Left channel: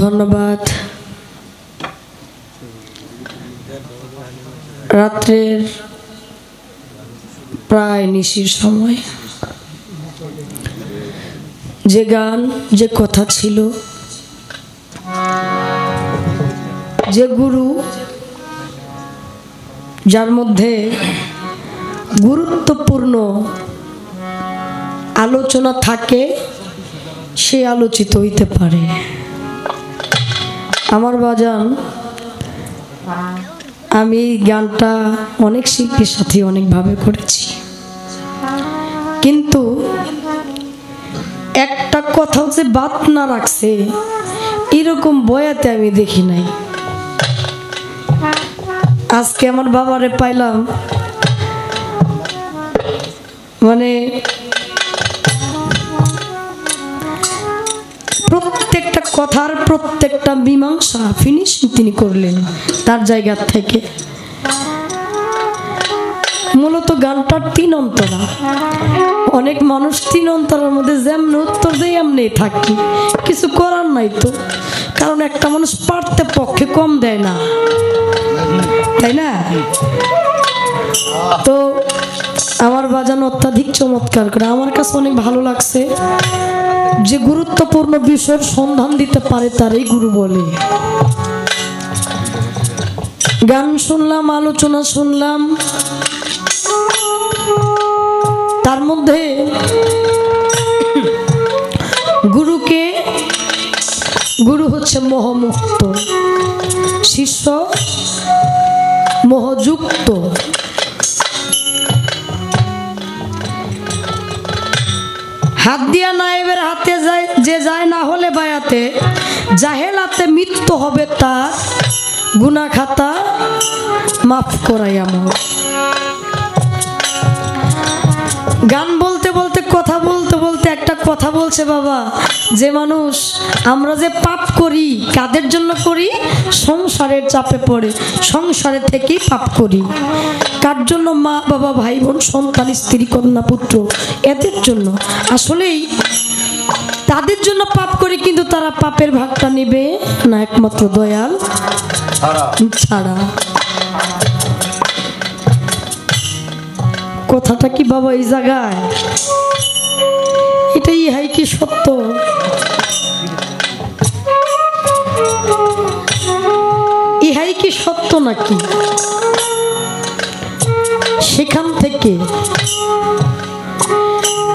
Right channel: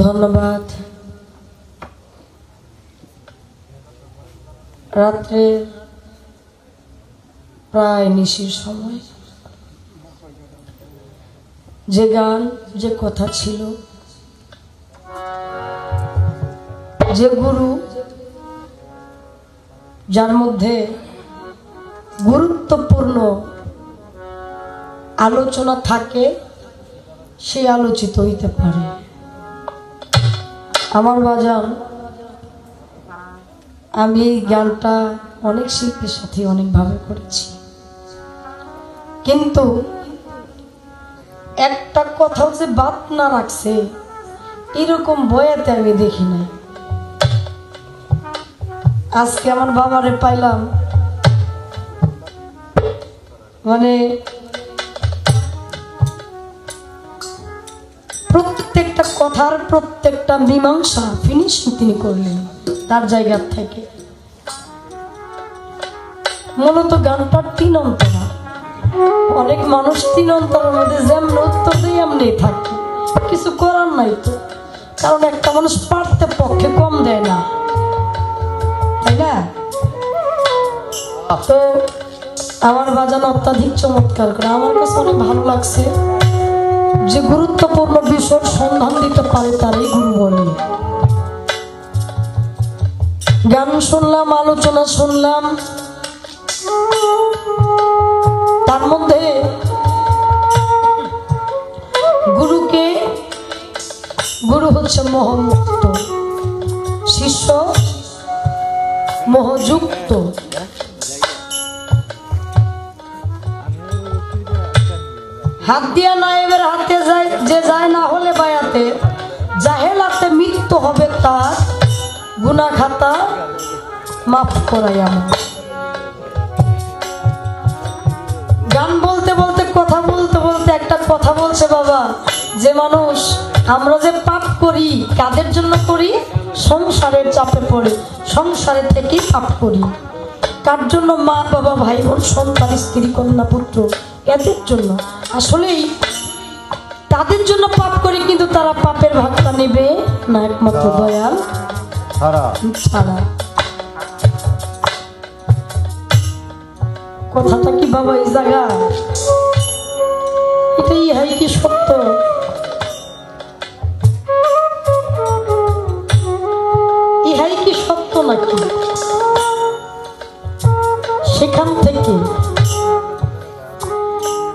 ধন্যবাদ। রাত্রের প্রায় নিশির সময় যে গান, যে কথা ছিল, যে গুরু যার মধ্যে গুরুত্বপূর্ণ আলোচনা থাকে, সে আলোচিত হইতে পারে। আমার বাজান, আমি এই গানটা অনেক শিল্পীর সাথে অনেকভাবে করেছি, কিন্তু একটা কথা যে বাদ না রাখছে এরকম বয়াতে আমি দেখি নাই। আজকে আমার বাবারে পাইলাম, মানে প্রত্যেকটা কথার প্রত্যেকটা মীমাংসা ফিনিশিং তিনি করলেন তার জায়গা থেকে। মূলত গানটা তিন অন্তরা। অনেক মানুষ তিন অন্তরের মধ্যে যেমন উত্তর দিয়ে এমনি থাকি, কিছু করার নাই তো, কারণ একটা মানুষ পারতে পক্ষে কম দেয় না, তাই না? তো আমার বাজান অত্যাধিক চমৎকার করে, আমার কাছে অনেক ভালো লাগছে। যে গুরুত্বপূর্ণ বিষয়ের সন্ধান দিতে পারে তারই গুরু বলে। গান শুনলাম, আলোচনা শুনলাম, তার মধ্যে গুরুকে, গুরু হচ্ছে মোহমুক্ত, শিষ্য মোহযুক্ত। হাত দিয়া নাইবের হাতে যায় যে যায়, না হলে বায়াতে জাহেলাতে মৃত্যু হবে তার, গুনাহ খাতা মাফ করাইয়া। গান বলতে বলতে, কথা বলতে বলতে একটা কথা বলছে বাবা, যে মানুষ আমরা যে পাপ করি কাদের জন্য করি? সংসারের চাপে পড়ে, সংসারে থেকে পাপ করি। কার জন্য? মা বাবা, ভাই বোন, সন্তান, স্ত্রী, কন্যা, পুত্র, এদের জন্য। আসলেই তাদের জন্য পাপ করি, কিন্তু তারা পাপের ভাগটা নেবে না একমাত্র দয়াল ছাড়া। কথাটা কি বাবা এই জায়গায়? এটাই হয় কি সত্য? ইহাই কি সত্য নাকি? সেখান থেকে,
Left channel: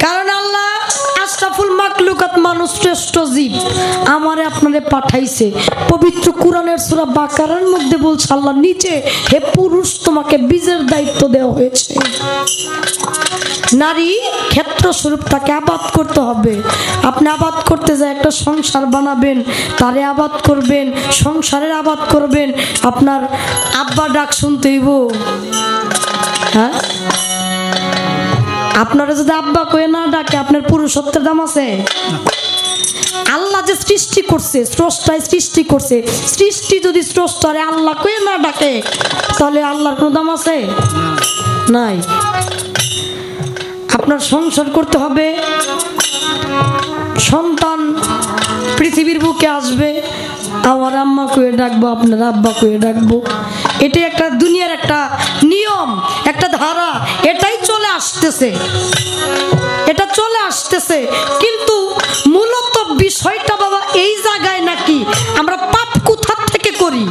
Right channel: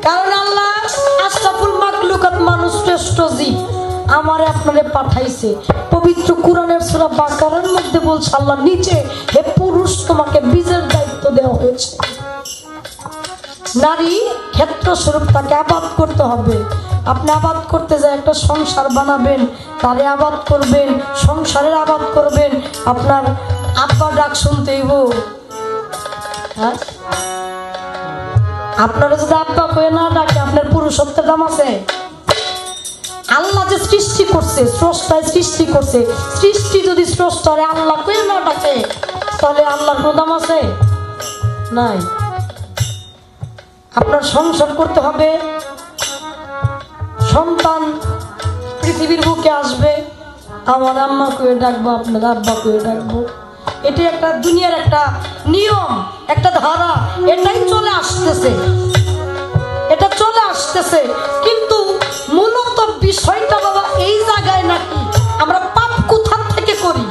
কারণ আল্লাহ আশরাফুল মাখলুকাত, মানুষ শ্রেষ্ঠ জীব, আমারে আপনারে পাঠাইছে। পবিত্র কোরআনের সূরা বাকারার মধ্যে বলছে আল্লাহ নিজে, হে পুরুষ তোমাকে বীজের দায়িত্ব দেওয়া হয়েছে। নারী ক্ষেত্র স্বরূপ তাকে আবাদ করতে হবে। আপনি আবাদ করতে যায় একটা সংসার বানাবেন, তারে আবাদ করবেন, সংসারের আবাদ করবেন। আপনার আব্বা ডাক শুনতে হইব, হ্যাঁ? আপনারা যদি আব্বা কয়ে না ডাকে, আপনার পুরুষত্বের দাম আছে? আল্লাহ যে সৃষ্টি করছে, স্রষ্টায় সৃষ্টি করছে, সৃষ্টি যদি স্রষ্টারে আল্লাহ কয়ে না ডাকে, তাহলে আল্লাহর কোনো দাম আছে? নাই। আপনার সংসার করতে হবে, সন্তান পৃথিবীর বুকে আসবে, আমার আম্মা কয়ে ডাকবো, আপনার আব্বা কয়ে ডাকবো। এটা একটা দুনিয়ার একটা নিয়ম, একটা ধারা, এটাই চলে আসতেছে, এটা চলে আসতেছে। কিন্তু মূলত বিষয়টা বাবা এই জায়গায় নাকি আমরা পাপ কোথা থেকে করি,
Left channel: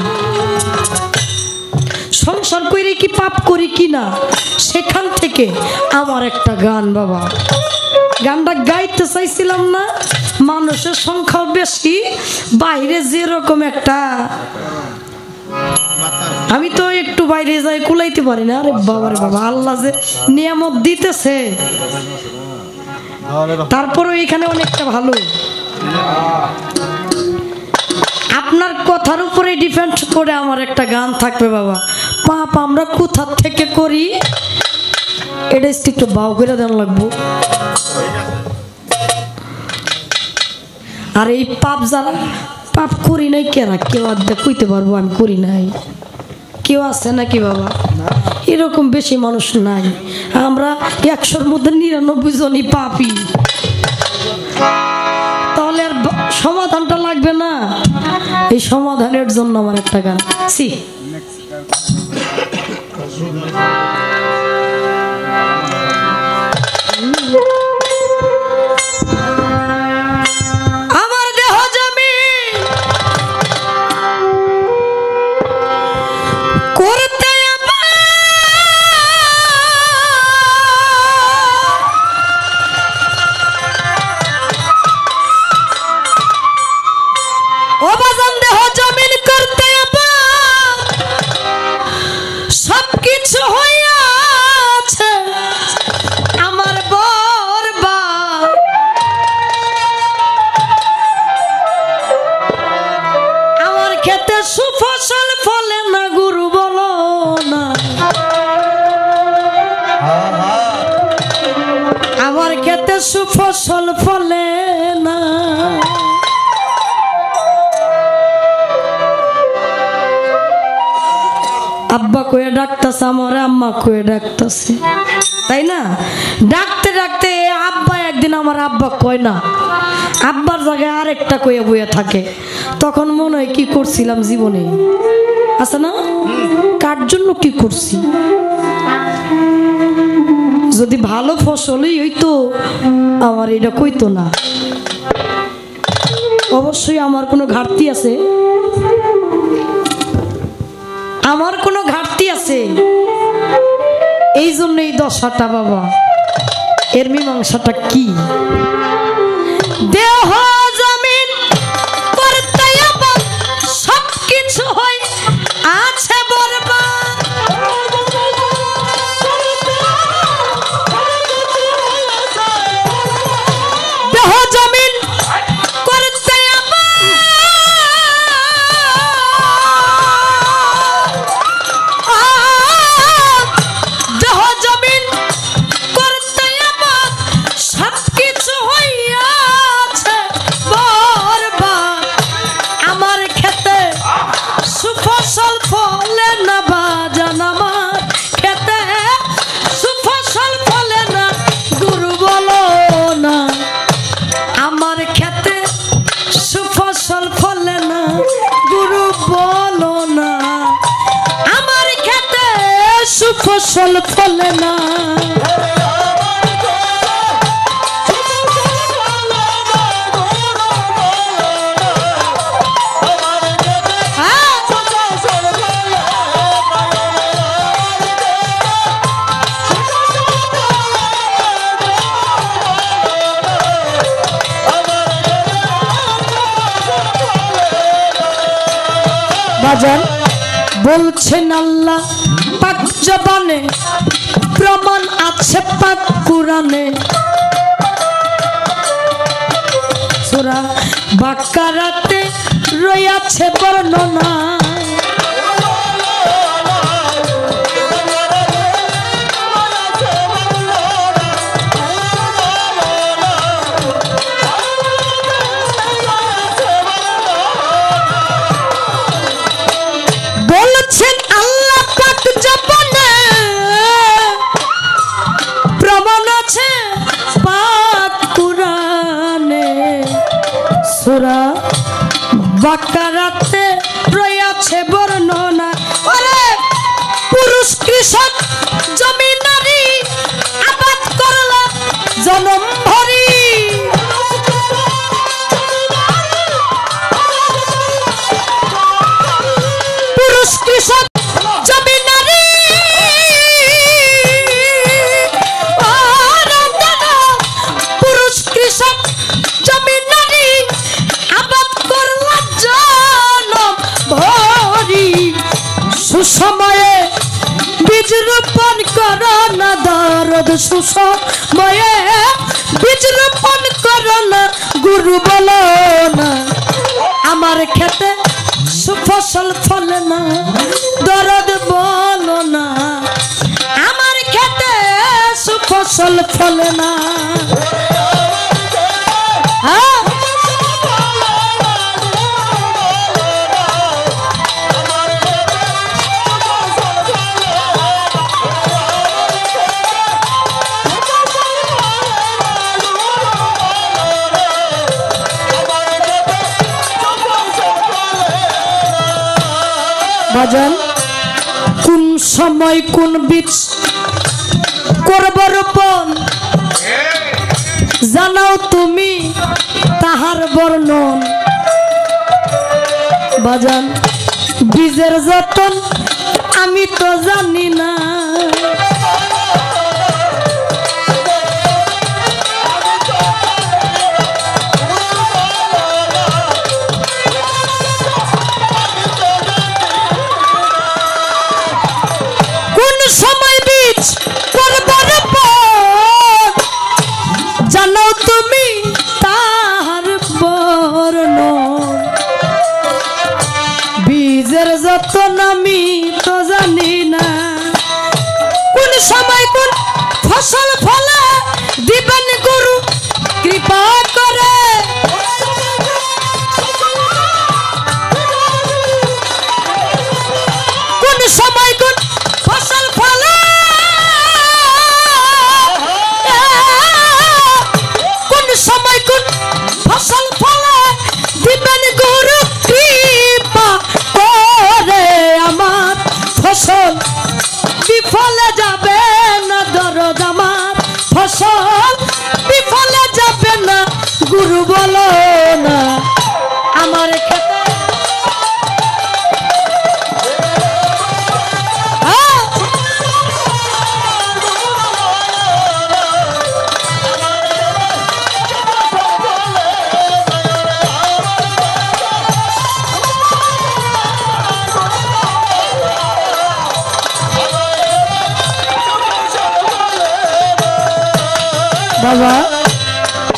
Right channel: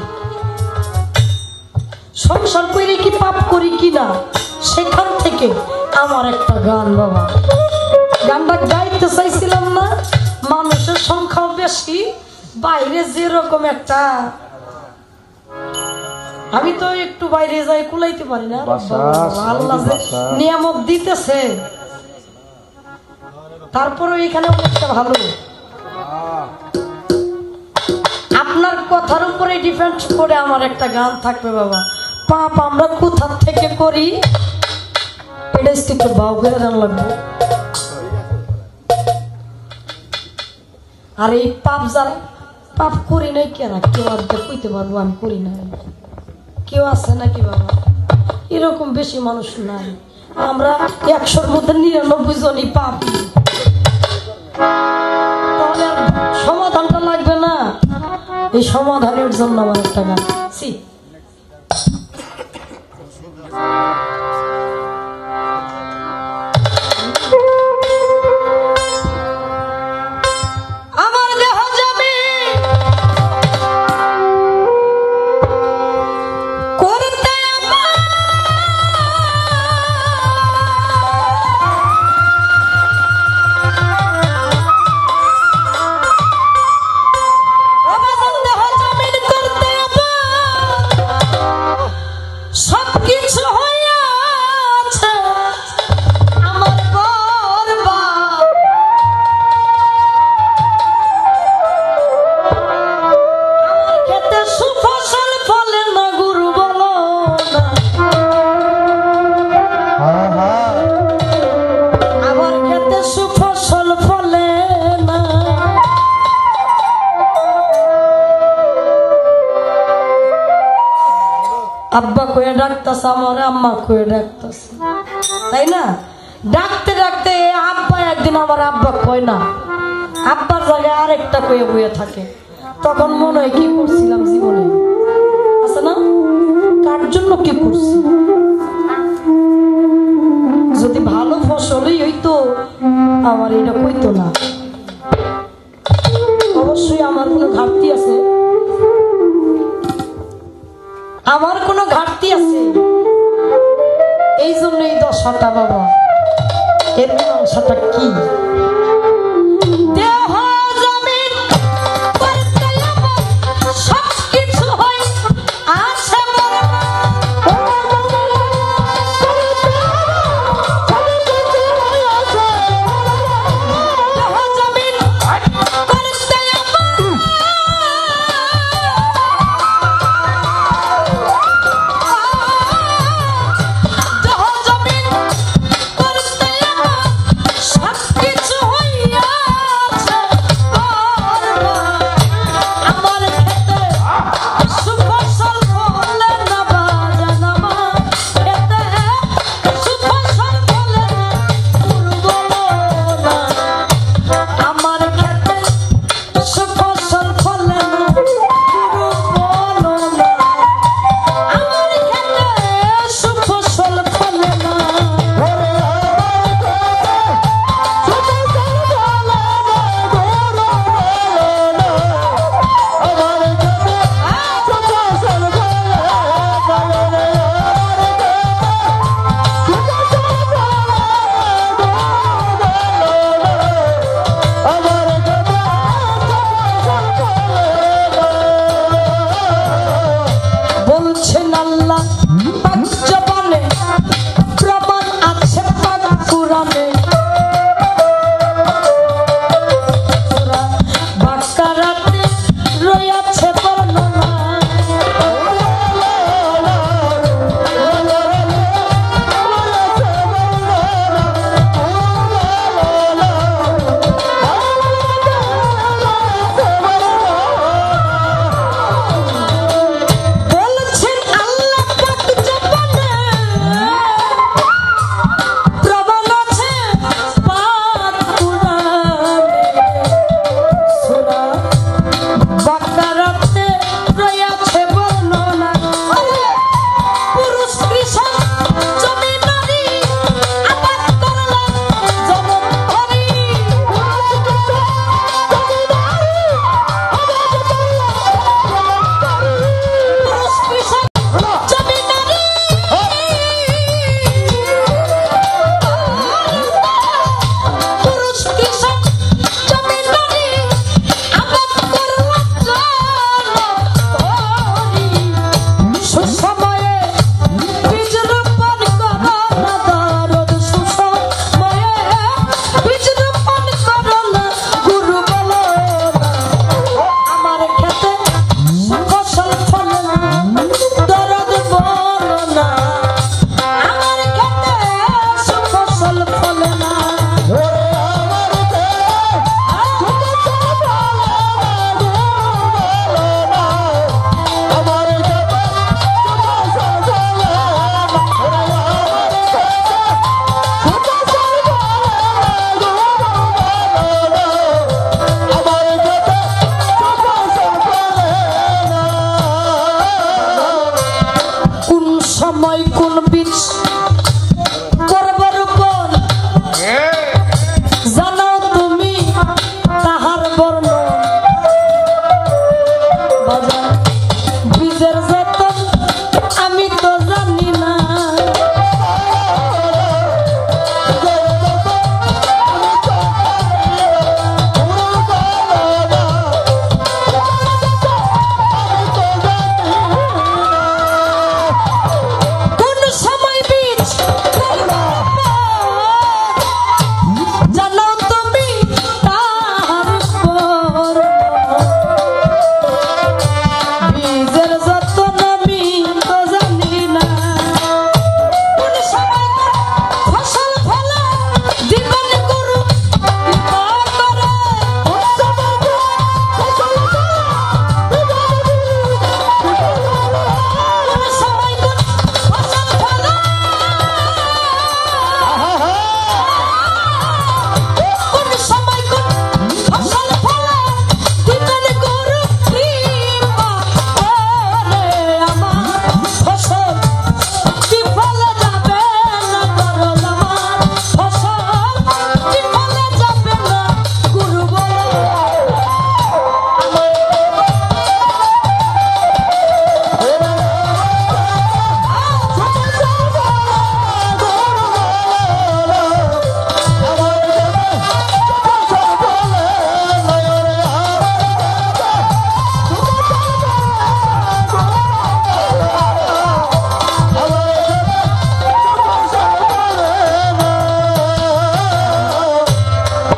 সংসার করে কি পাপ করি কিনা, সেখান থেকে আমার একটা গান বাবা। গানটা গাইতে চাইছিলাম না, মানুষের সংখ্যা বেশি, বাইরে যেরকম একটা, আমি তো একটু বাইরে যাই কুলাইতে পারি না। আরে বাবা, আল্লাহ যে নিয়ামত দিতেছে, তারপরে এখানে অনেকটা ভালো। আপনার কথার উপরে ডিপেন্ড করে আমার একটা গান থাকবে বাবা। পাপ আমরা কোথা থেকে করি, এটা একটু ভাও করে দেন লাগবো। আর এই পাপ যারা পাপ করি নাই, কেন কেউ আড্ডা কইতে পারবো আমি করি নাই? কেউ আছে নাকি বাবা? এরকম বেশি মানুষ নাই। আমরা 100-র মধ্যে 99 জনই পাপী। তাহলে সমাধান সমাধানের জন্য আমার একটা গান সি আব্বা কয়ে ডাকতেছে আমার আম্মা কয়ে ডাকতেছে তাই না ডাকতে ডাকতে আব্বা একদিন আমার আব্বা কয় না আব্বার জায়গায় আরেকটা কয়ে বয়ে থাকে তখন মনে হয় কি করছিলাম জীবনে আছে না কার জন্য কি করছি যদি ভালো ফসলই হইতো আমার এটা কইতো না অবশ্যই আমার কোনো ঘাটতি আছে আমার কোনো ঘাটতি আছে এই জন্য এই দশাটা বাবা এর মীমাংসাটা কি দেহ জমিন করতে আবার সবকিছু হয় আছে বরবাদ দেহ জমিন করতে বলছেন আল্লাহ পাক জবানে প্রমাণ আছে পাক কোরআনে সূরা বাকারাতে রয়েছে বর্ণনা বাজান কোন সময় কোন বীজ করব রোপণ জানো তুমি তাহার বর্ণন বাজান বীজের যতন আমি তো জানি না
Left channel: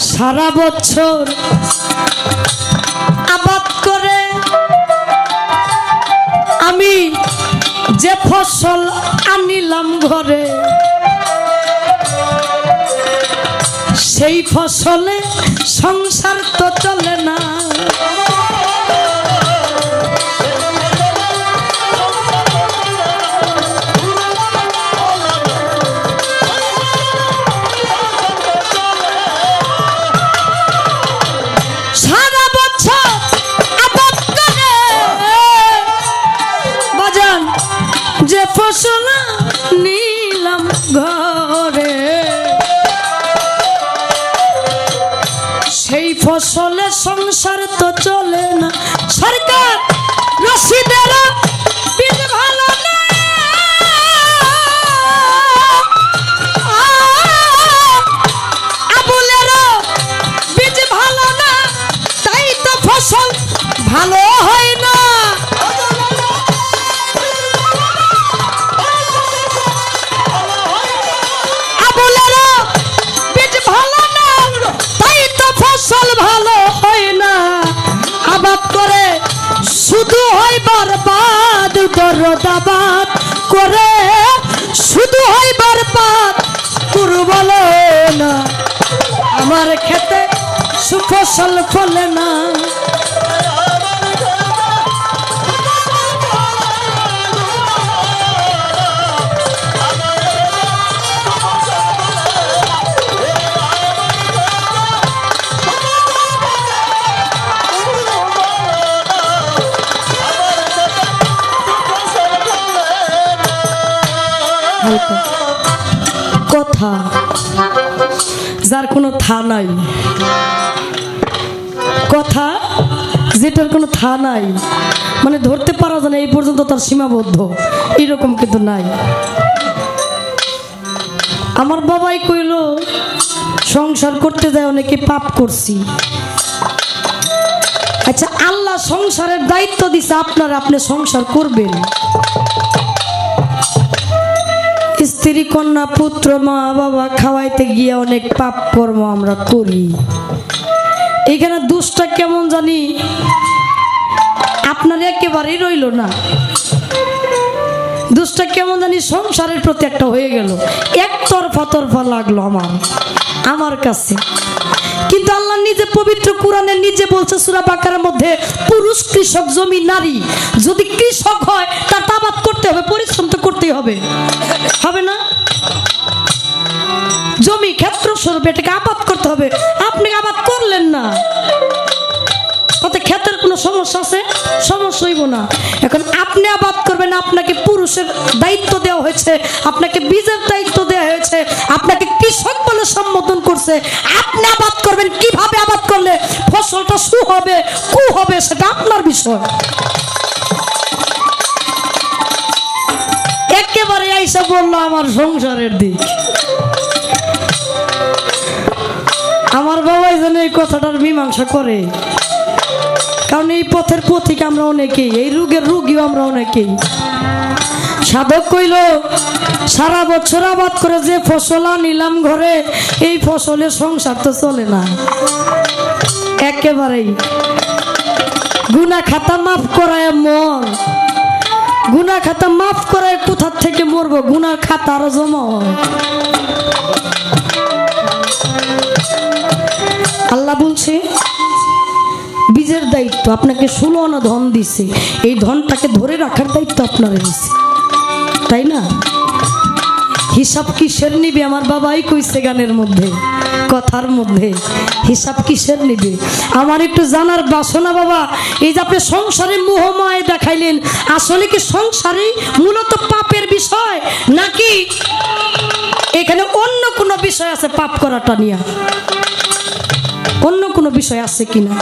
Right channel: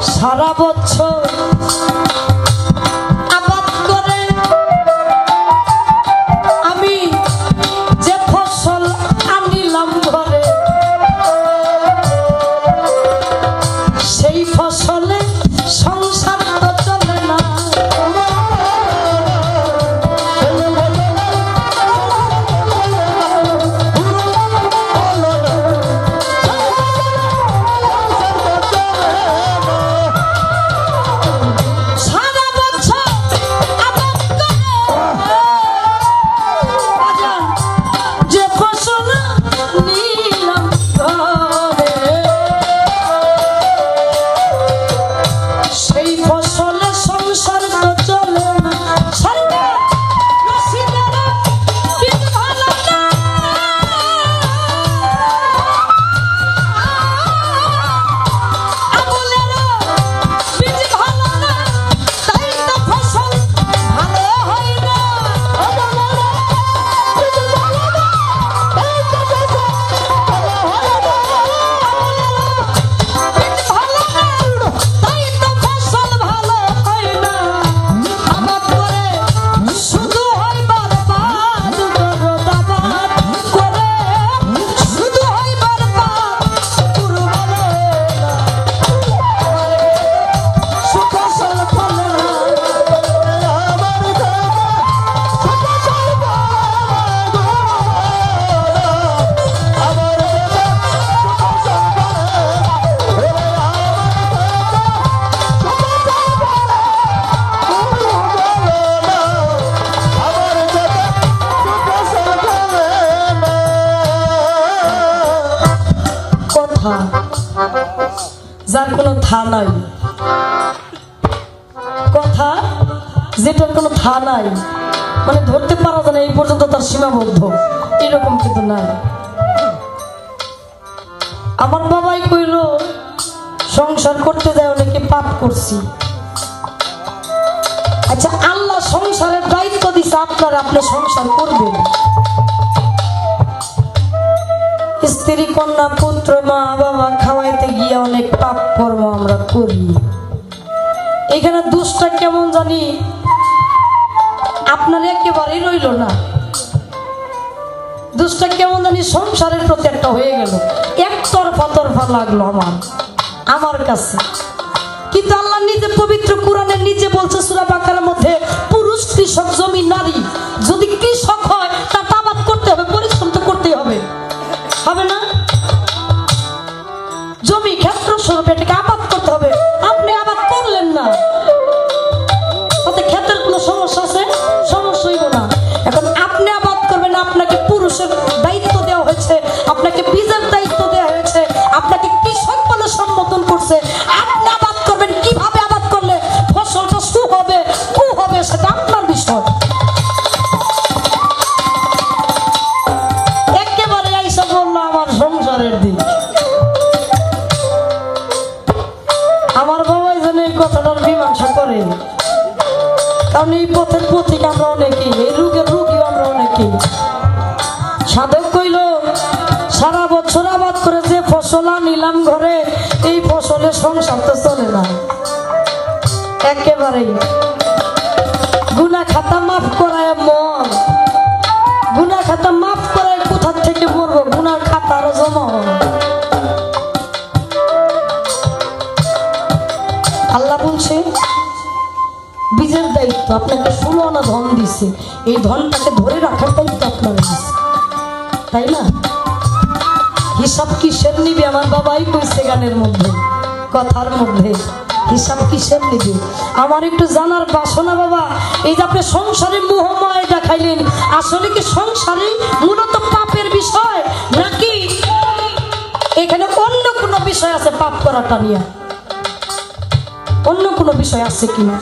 সারা বছর আবাদ করে আমি যে ফসল আনিলাম ঘরে সেই ফসলে সংসার তো চলে না যার কোনো থা নাই কথা যেটার কোনো থা নাই মানে ধরতে পারা যায় না এই পর্যন্ত তার সীমাবদ্ধ এরকম কিন্তু নাই আমার বাবাই কইল সংসার করতে যায় অনেকে পাপ করছি আচ্ছা আল্লাহ সংসারের দায়িত্ব দিছে আপনারা আপনি সংসার করবেন স্ত্রী কন্যা পুত্র মা বাবা খাওয়াইতে গিয়ে অনেক পাপ কর্ম আমরা করি এখানে দুষ্টা কেমন জানি আপনার একেবারেই রইল না দুষ্টা কেমন জানি সংসারের প্রতি একটা হয়ে গেল একতরফা লাগলো আমার কাছে কিন্তু আল্লাহ নিজে পবিত্র কোরআনে নিজে বলছে সূরা বাকারার মধ্যে পুরুষ কৃষক জমি নারী যদি কৃষক হয় তার আবাদ করতে হবে পরিশ্রম তো করতে হবে হবে না জমি ক্ষেত্র স্বরূপ এটাকে আবাদ করতে হবে আপনি আবাদ করলেন না তাতে ক্ষেত্রের কোনো সমস্যা আছে সমস্যা হইব না এখন আপনি আবাদ আছে, আপনি আবাদ করবেন কিভাবে, আবাদ করলে ফসলটা সু হবে কু হবে সেটা আপনার বিষয়। একেবারে এসে বললো আমার সংসারের দিক। আমার বাবাই যেন এই কথাটার মীমাংসা করে, কারণ এই পথের পথিক আমরা অনেকেই, এই রোগের রোগীও আমরা অনেকেই। সাধক কইল সারা বছর আবাদ করে যে ফসল আনিলাম ঘরে, এই ফসলের সংসার তো চলে না। একেবারেই গুনাহ খাতা মাফ করায় মন, গুনাহ খাতা মাফ করে কোথা থেকে মরবো, গুনাহ খাতার জমা। আল্লাহ বলছে বীজের দায়িত্ব আপনাকে 16 আনা ধন দিছে, এই ধনটাকে ধরে রাখার দায়িত্ব আপনার দিছে, তাই না? হিসাব কিসের নিবি? আমার বাবাই কইছে গানের মধ্যে, কথার মধ্যে, হিসাব কিসের নিবি? আমার একটু জানার বাসনা বাবা, এই যে আপনি সংসারে মোহময় দেখাইলেন, আসলে কি সংসারে মূলত পাপের বিষয়, নাকি এখানে অন্য কোনো বিষয় আছে? পাপ করাটা নিয়ে অন্য কোনো বিষয় আছে কিনা?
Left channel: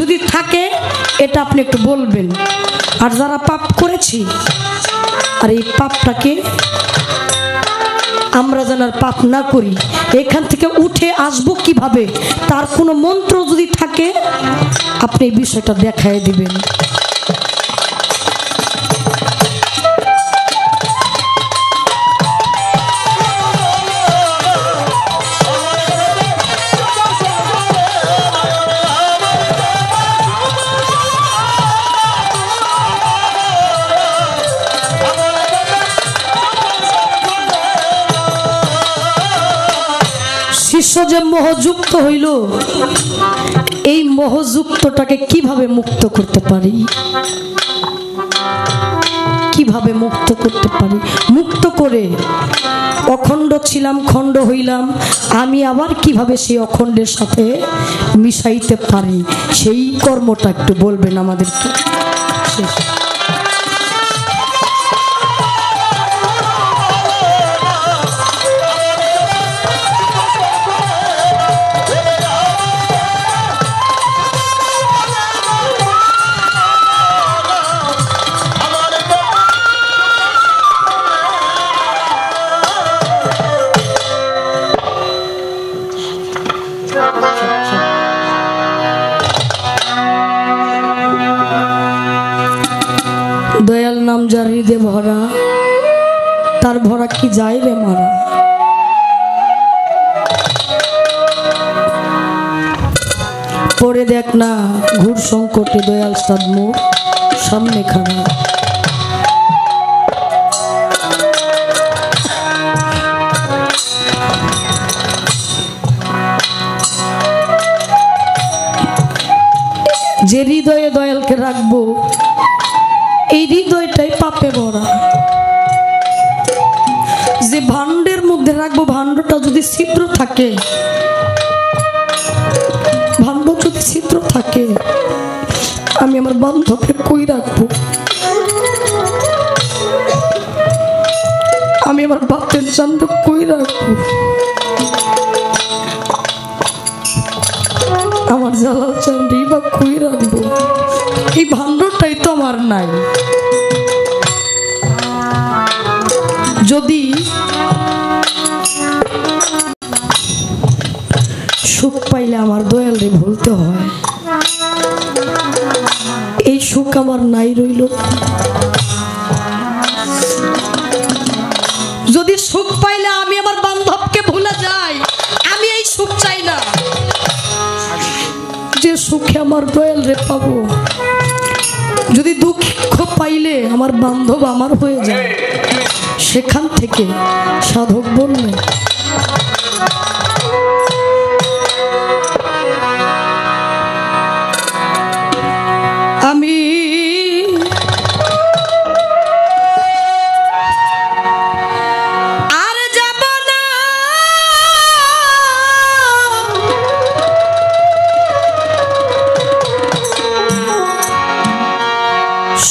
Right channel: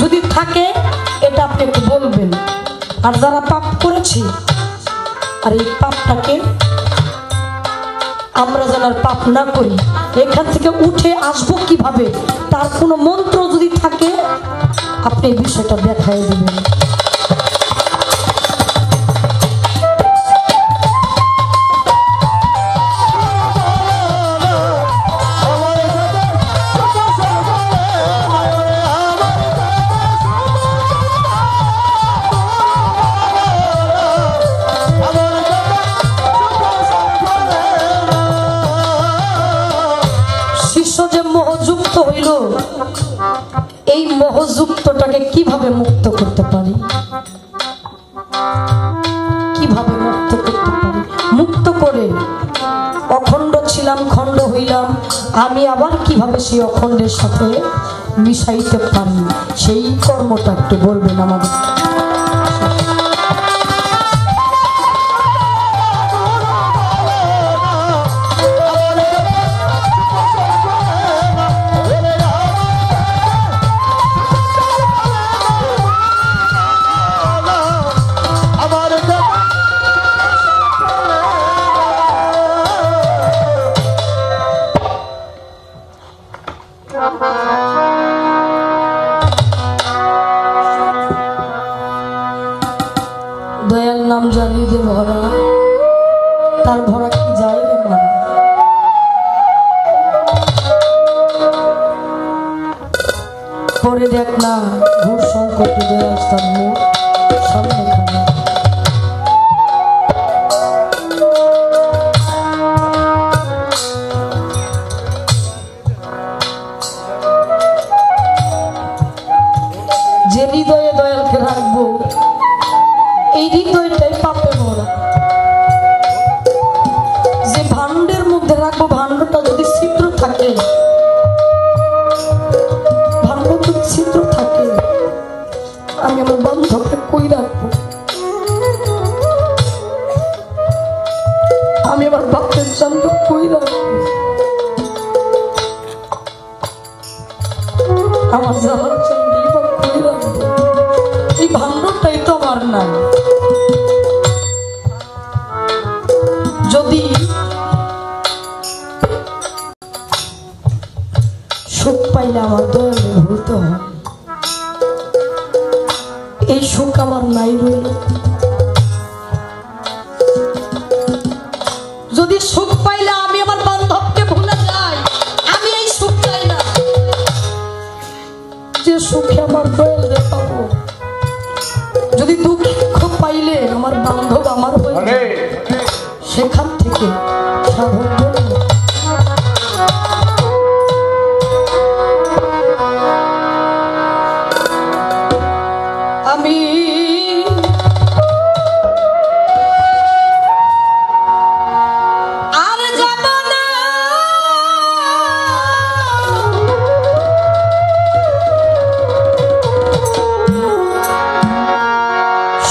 যদি থাকে এটা আপনি একটু বলবেন। আর যারা পাপ করেছি, আর এই পাপটাকে আমরা যেন পাপ না করি, এখান থেকে উঠে আসবো কিভাবে, তার কোনো মন্ত্র যদি থাকে আপনি এই বিষয়টা দেখাই দিবেন। যে মোহযুক্ত হইল, এই মোহযুক্তটাকে কিভাবে মুক্ত করতে পারি, কিভাবে মুক্ত করতে পারি? মুক্ত করে অখণ্ড ছিলাম, খণ্ড হইলাম, আমি আবার কিভাবে সেই অখণ্ডের সাথে মিশাইতে পারি, সেই কর্মটা একটু বলবেন আমাদেরকে। দয়াল নাম জানি দে ভরা, তার ভরা কি যায় রে মারা। পরে দেখ না ঘুর সংকটে দয়াল তার মুখ সামনে খানা। যে হৃদয়ে দয়ালকে রাখবো, এই হৃদয়টাই পাপে ভরা। যে ভাণ্ডের মধ্যে রাখবো, ভাণ্ডটা যদি ছিদ্র থাকে, ভাণ্ড যদি ছিদ্র থাকে, আমি আমার বান্ধবকে কই রাখবো? আমি আমার বাপের জন্য কই রাখবো? আমার জালাল চন্ডী বা কই রাখবো? এই ভাণ্ডটাই তো আমার নাই। যদি সুখ পাইলে আমার দয়ালে ভুলতে হয়, এই সুখ আমার নাই রইল। যদি সুখ পাইলে আমি আমার বান্ধবকে ভুলে যাই, আমি এই সুখ চাই না। যে সুখে আমার দয়ালে পাবো, যদি দুঃখ পাইলে আমার বান্ধব আমার হয়ে যায়, সেখান থেকে সাধক বললেন আমি আর যাব না,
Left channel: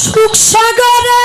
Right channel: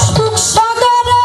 সুখ সাগরে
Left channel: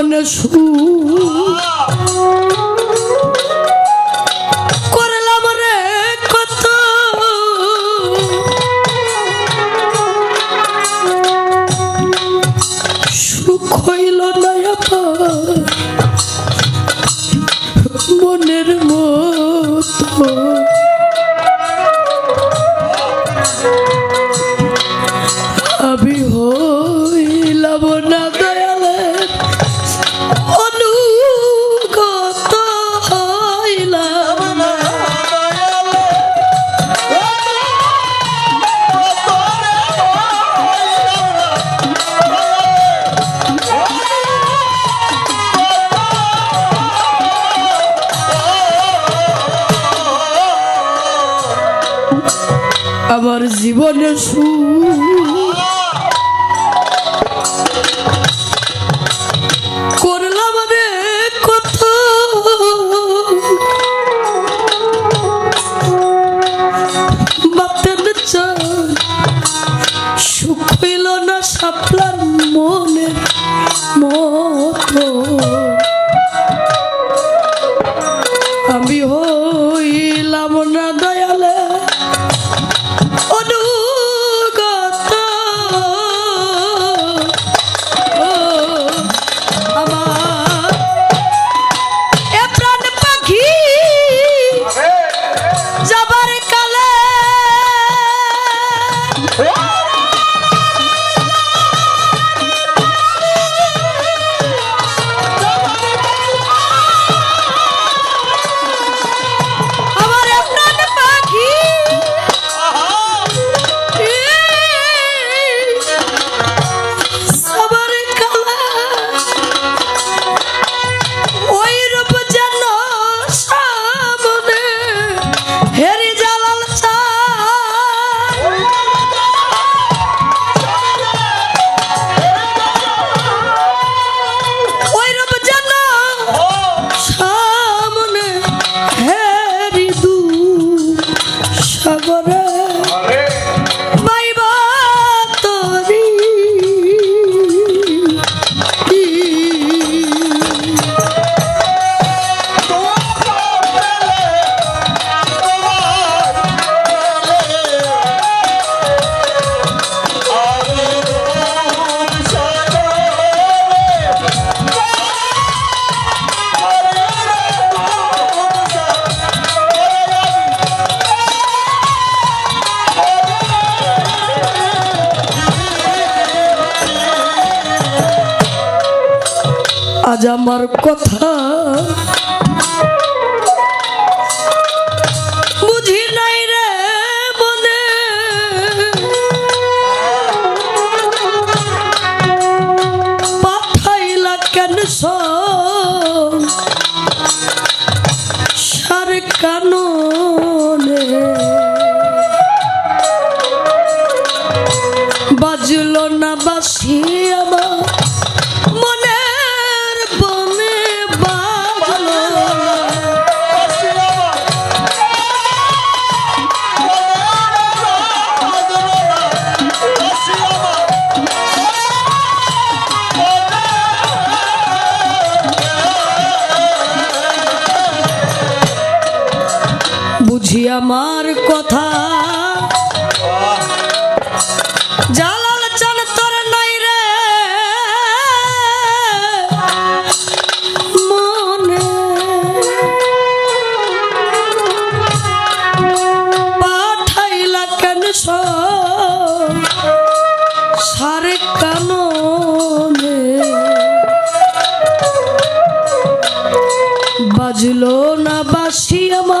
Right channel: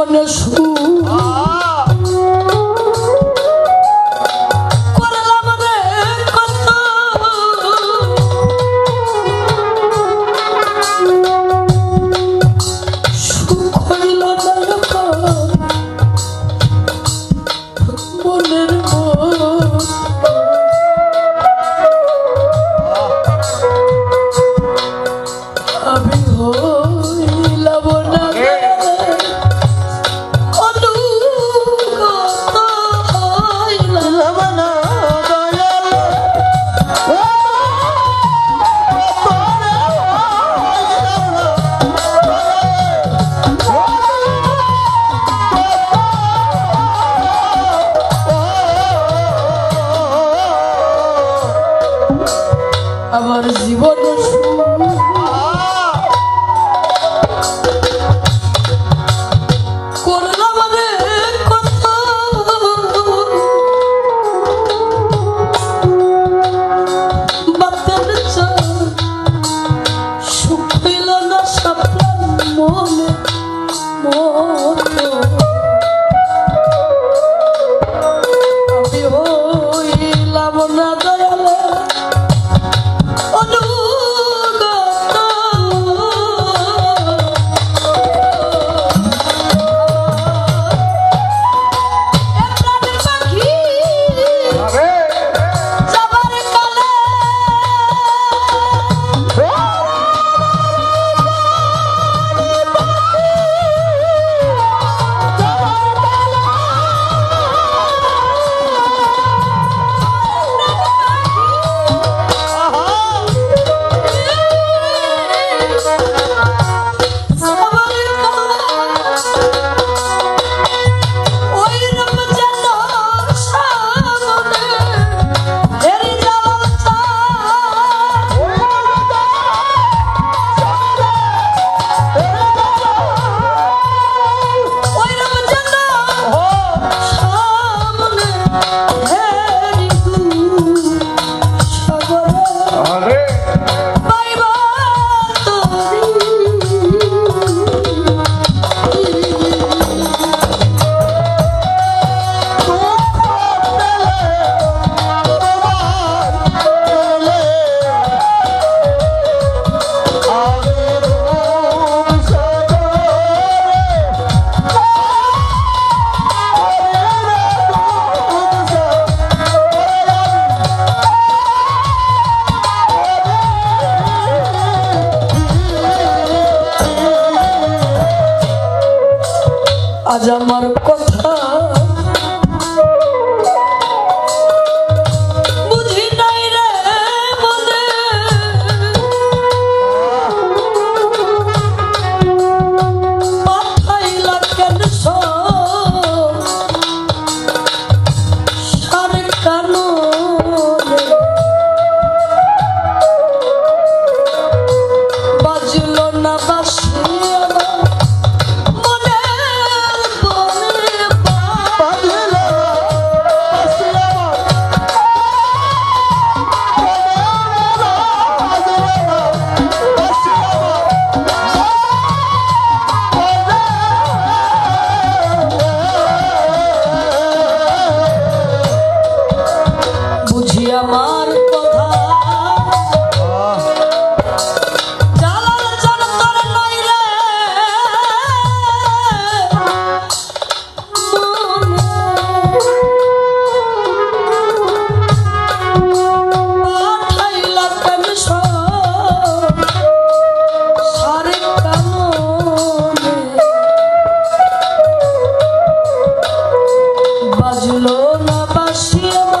জীবনে করলাম রে কত সুখ হইল না মনের মতো আমি হইলাম না অনুগত হইলাম না আমার জীবনে করলাম রে কত বাতের চান সুখ হইল না সাপলার মনের মতো আমি হইলাম না দয়ালে আজ আমার কথা বুঝি নাই রে মনে পাঠাইলা কেন সারে কাননে বাজলো না বাসি আমার বুঝি আমার কথা জালাল চান তোর নাই রে মনে পাঠাইলা কেন সারে কাননে বাজলো না বাসি আমার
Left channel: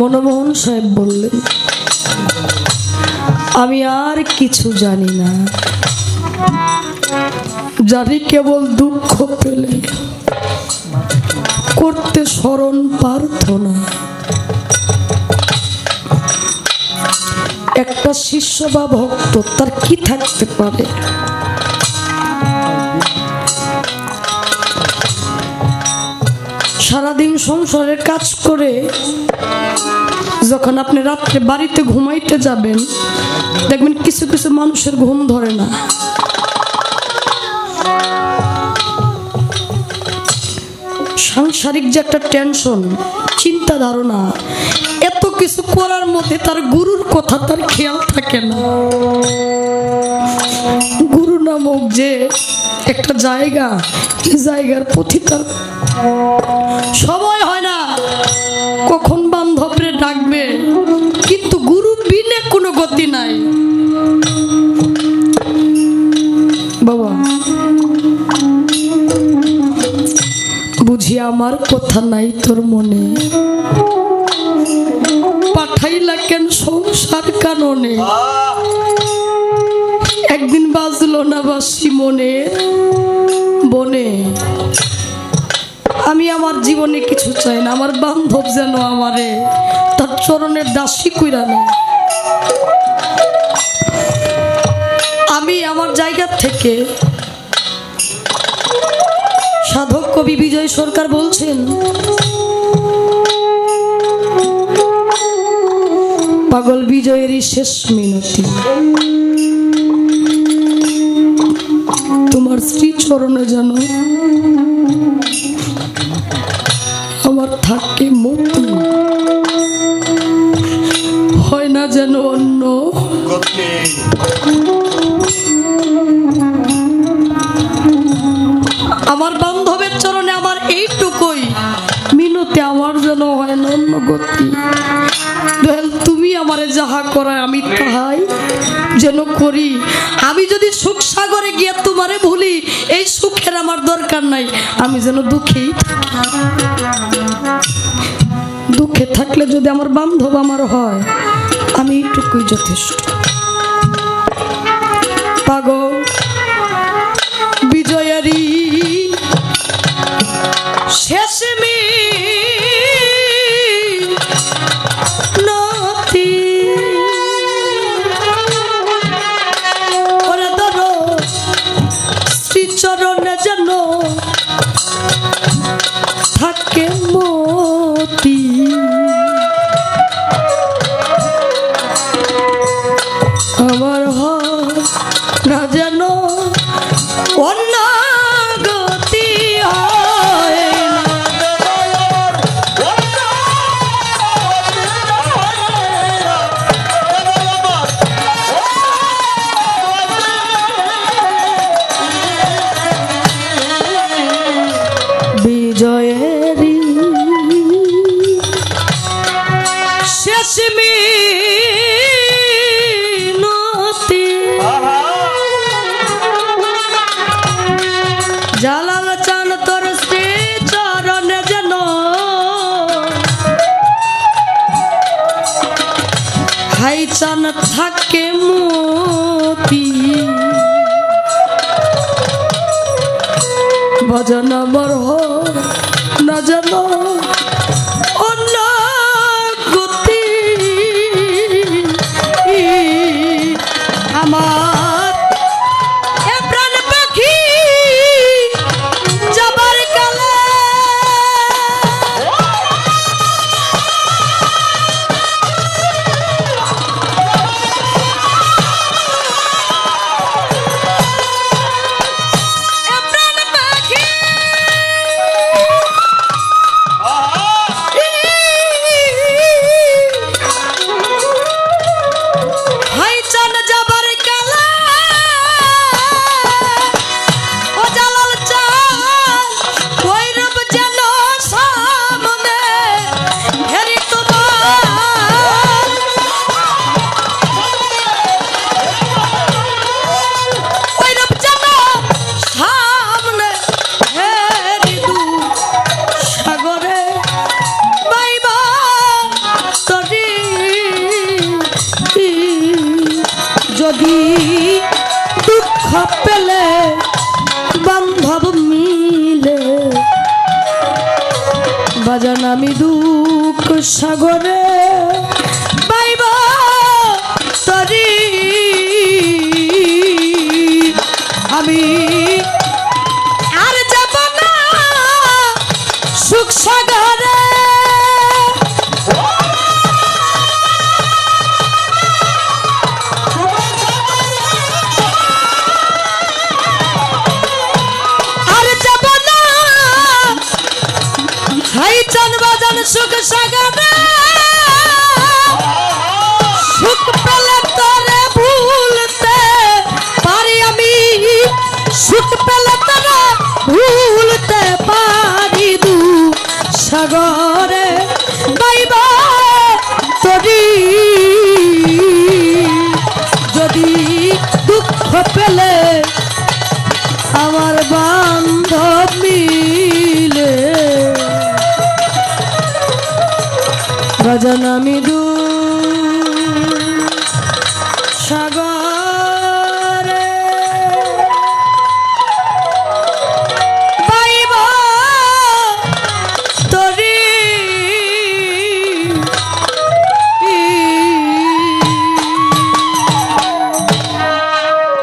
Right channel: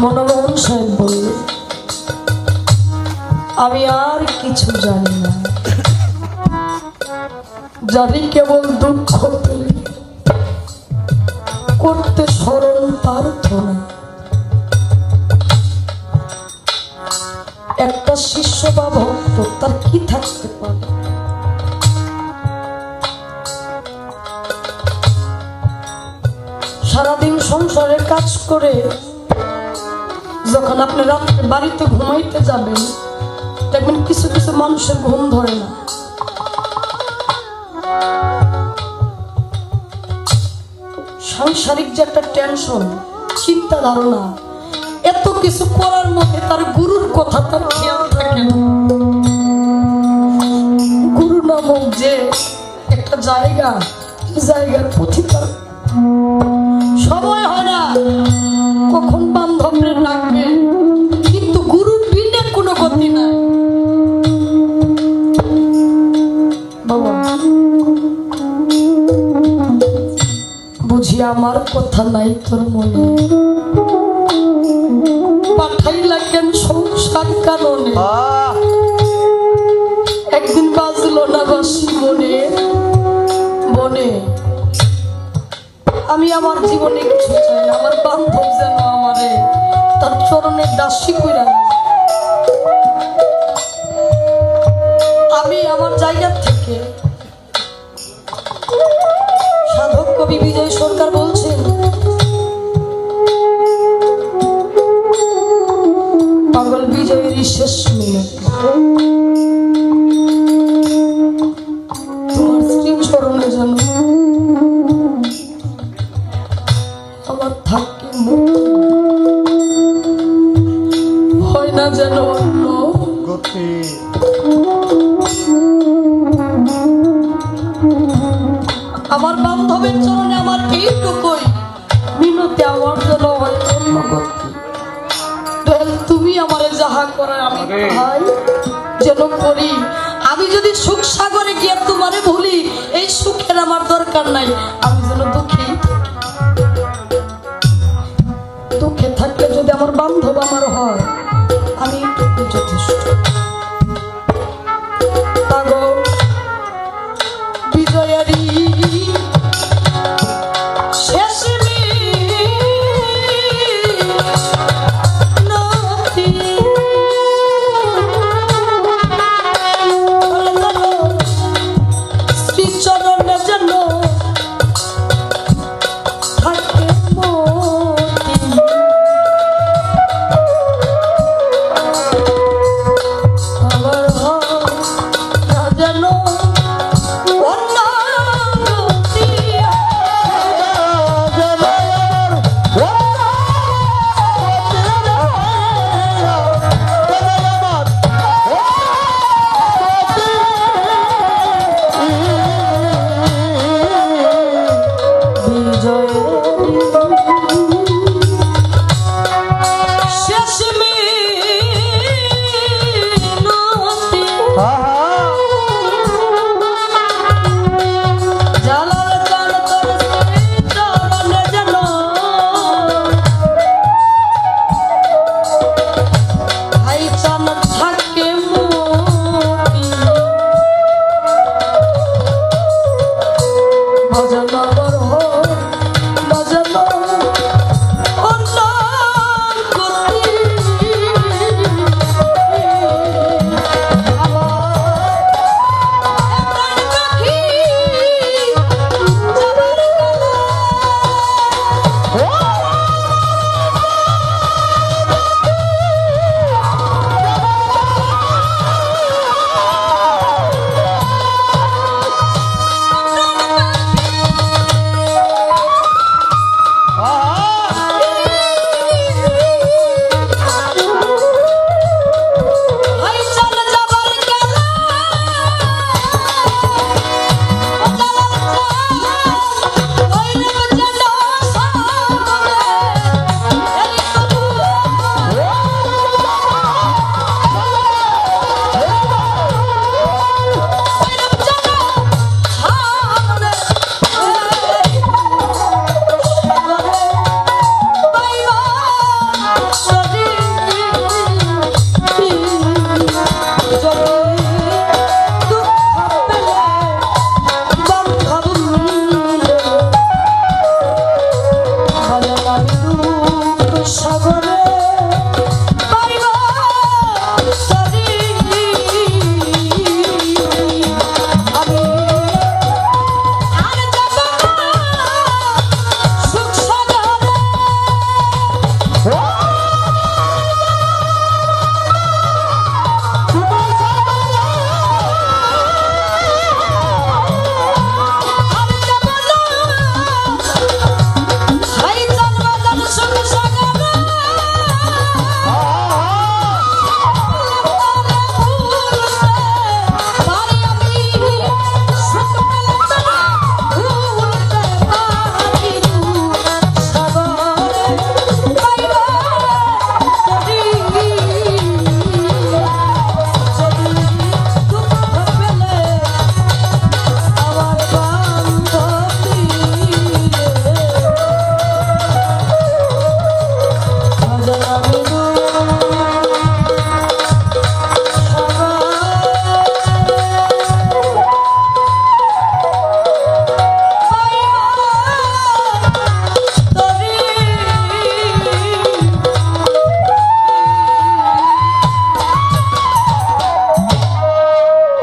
মনমোহন সাহেব বললেন, আমি আর কিছু জানি না, জানি কেবল দুঃখ পেলে করতে স্মরণ প্রার্থনা। একটা শিষ্য বা ভক্ত তার কি থাকতে পারে? সারাদিন সংসারের কাজ করে যখন আপনি রাত্রে বাড়িতে ঘুমাইতে যাবেন, দেখবেন কিছু কিছু মানুষের ঘুম ধরে না। সাংসারিক যে একটা টেনশন, চিন্তা ধারণা, এত কিছু করার মধ্যে তার গুরুর কথা তার খেয়াল থাকে না। গুরু নামক যে একটা জায়গা, জায়গার প্রতি তার সময় হয় না। কখন বান্ধবরে ডাকবে, কিন্তু গুরু বিনে কোনো গতি নাই। বাবা বুঝি আমার কথা নাই তোর মনে, পাঠাইলা কেন সংসার কারণে? একদিন বাজলো না বাসি মনে বনে। আমি আমার জীবনে কিছু চাই না, আমার বান্ধব যেন আমারে তার চরণের দাসী কইরা নেয়। আমি আমার জায়গা থেকে, সাধক কবি বিজয় সরকার বলছেন, পাগল বিজয়েরই শেষ মিনতি, তোমার স্ত্রী চরণে যেন আমার থাকে মুক্তি, হয় না যেন অন্য। আমার বান্ধবের চরণে আমার এইটুকুই মিনতি, আমার যেন হয় না অন্য গতি। তুমি আমারে যাহা করায় আমি তাহাই যেন করি। আমি যদি সুখ সাগরে গিয়ে তোমারে ভুলি, এই সুখের আমার দরকার নাই। আমি যেন দুঃখী, দুঃখে থাকলে যদি আমার বান্ধব আমার হয়, আমি এইটুকুই যথেষ্ট। পাগল বিজয়ারি শেষ আমার